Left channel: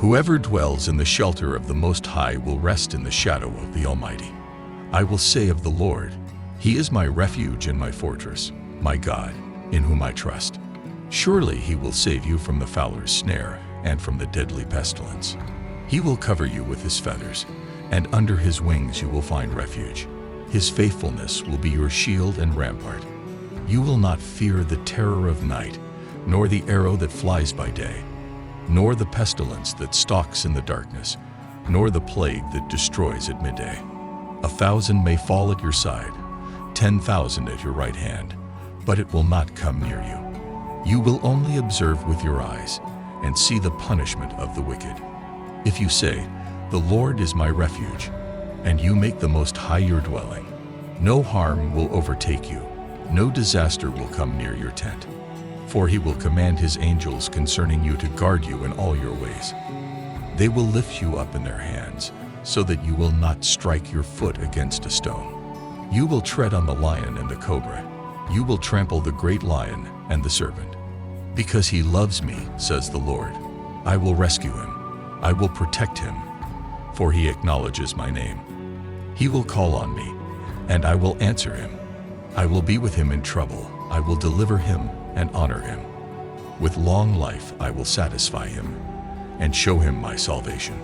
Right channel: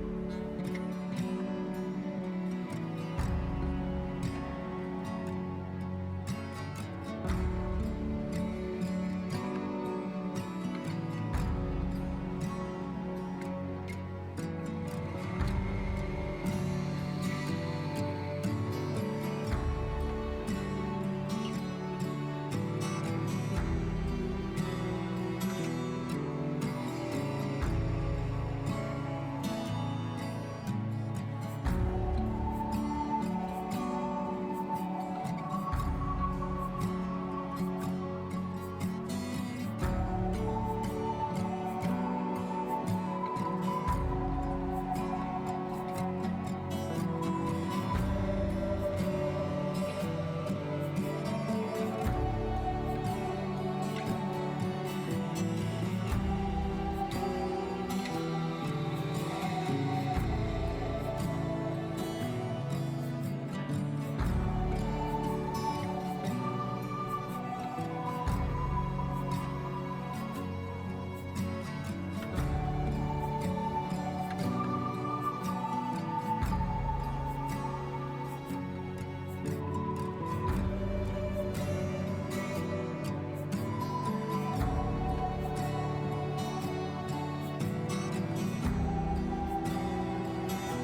Whoever dwells in the shelter of the Most High will rest in the shadow of the Almighty. I will say of the Lord, He is my refuge and my fortress, my God, in whom I trust. Surely He will save you from the fowler's snare and from the deadly pestilence. He will cover you with His feathers, and under His wings you will find refuge. His faithfulness will be your shield and rampart. You will not fear the terror of night, nor the arrow that flies by day, nor the pestilence that stalks in the darkness, nor the plague that destroys at midday. 1,000 may fall at your side, 10,000 at your right hand, but it will not come near you. You will only observe with your eyes and see the punishment of the wicked. If you say, "The Lord is my refuge," and you make the Most High your dwelling, no harm will overtake you, no disaster will come near your tent. For He will command His angels concerning you to guard you in all your ways. They will lift you up in their hands, so that you will not strike your foot against a stone. You will tread on the lion and the cobra. You will trample the great lion and the serpent. Because He loves me, says the Lord, I will rescue Him. I will protect Him, for He acknowledges my name. He will call on me, and I will answer Him. I will be with him in trouble. I will deliver him and honor him. With long life I will satisfy him and show him my salvation.